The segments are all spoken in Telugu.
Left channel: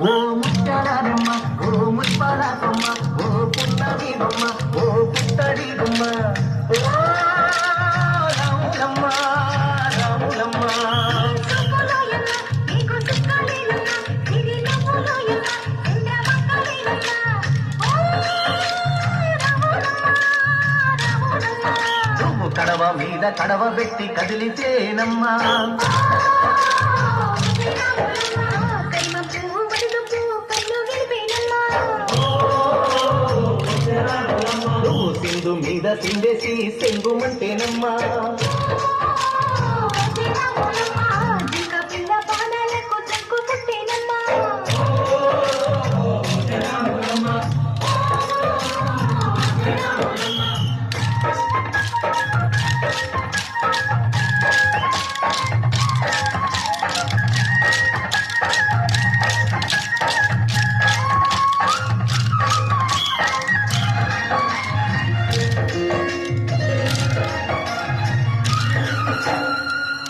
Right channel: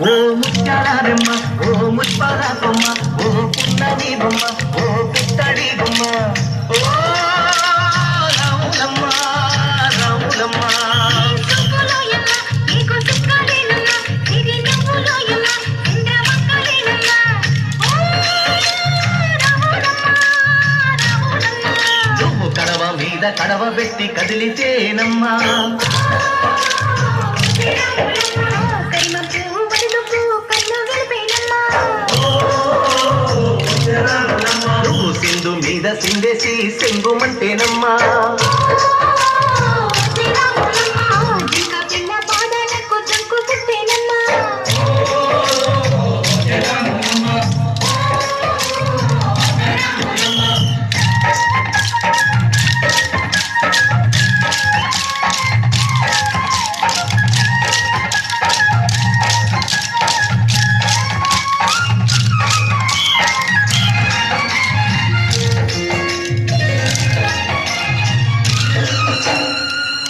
ఓ ముత్యాలమ్మ ఓ ముత్యాలమ్మ ఓ పున్నమి బొమ్మ ఓ పుత్తడి బొమ్మ ఓ రాములమ్మ రాములమ్మ నువ్వు కడవ మీద కడవ పెట్టి కదిలితేనమ్మా నువ్వు సింధు మీద సిందేసి సెంగుమంటేనమ్మా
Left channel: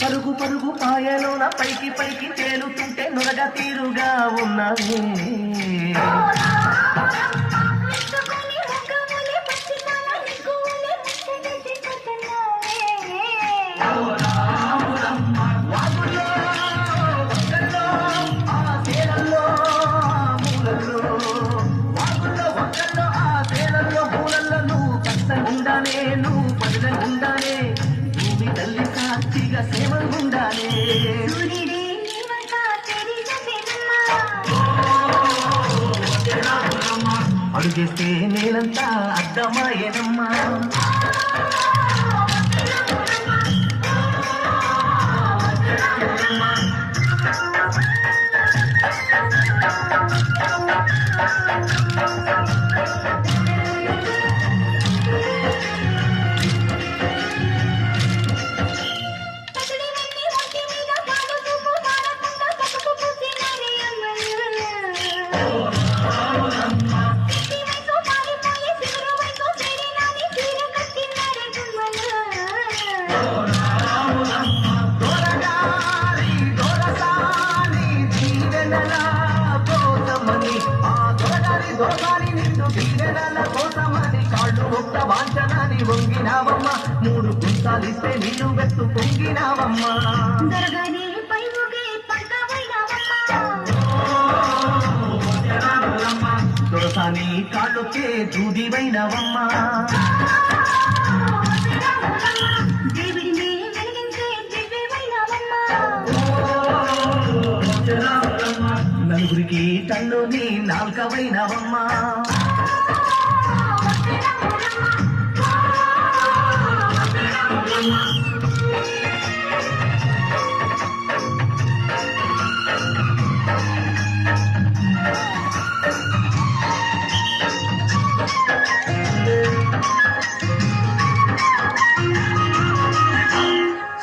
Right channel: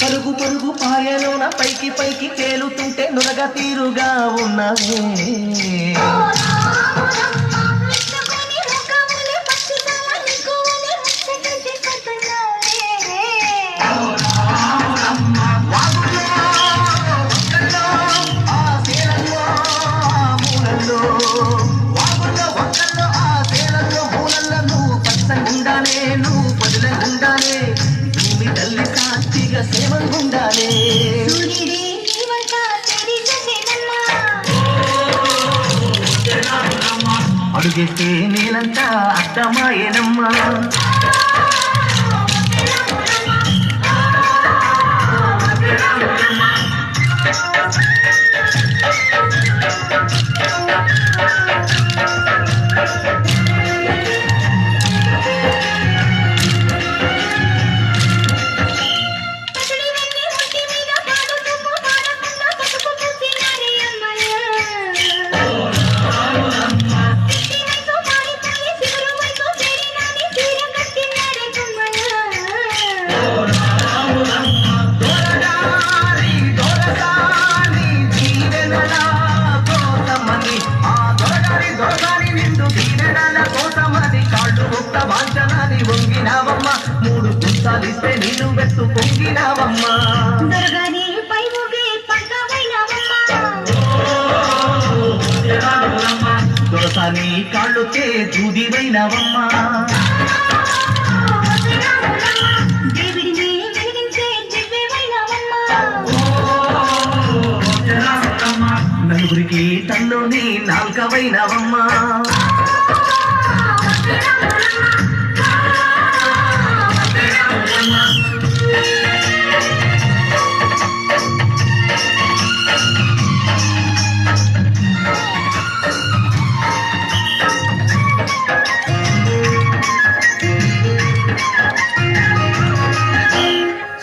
పరుగు పరుగు పాయలోన పైకి పైకి తేలుతుంటే నురగ తీరుగా ఉన్నది నువ్వు పదులంగుండానే భూమి తల్లి సాక్షిగా సేవంగుండానే అడుగేస్తే నేనంతా అర్థమాయేనమ్మా వంగినావమ్మ మూడు గుంతాలిస్తే నీళ్ళు వెత్తు పొంగినావమ్మా దొరసాని కాళ్ళొచ్చే దూదివైనవమ్మా నలుగురికి తల్లోని నాల్కవైనవమ్మా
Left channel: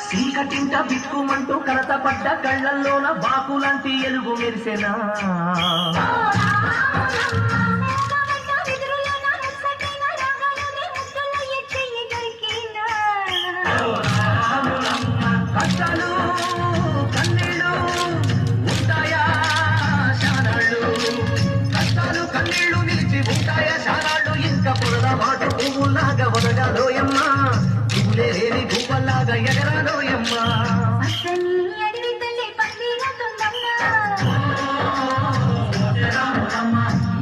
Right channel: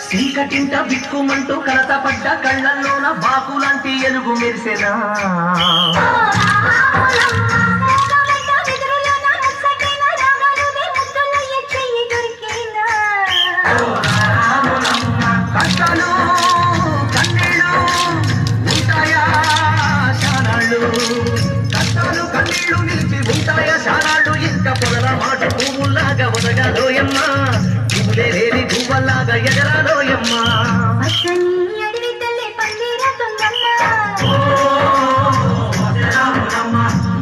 చీకటింట బిక్కుమంటూ కలతపడ్డ కళ్ళల్లోన బాకులాంటి ఎలుగు మెరిసెనా కష్టాలు కన్నీళ్ళు ఉంటాయా శానాళ్ళు కష్టాలు కన్నీళ్ళు నిలిచి ఉంటాయా శానాళ్ళు ఇంకా పొగల మాట పువ్వులాగా వదగలోయమ్మా ఇవులేని పువ్వలాగా ఎగరాలోయమ్మా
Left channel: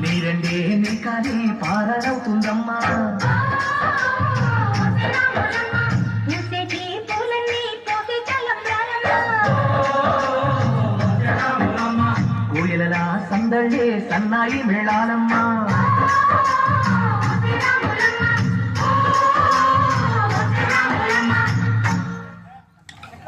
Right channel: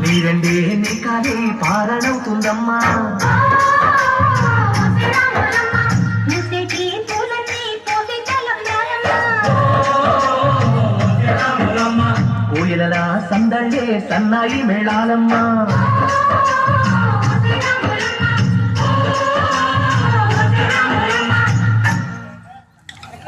నీరండే నీ కానీ పారణవుతుందమ్మా కోయిలలా సందళ్ళే సన్నాయి మేళాలమ్మా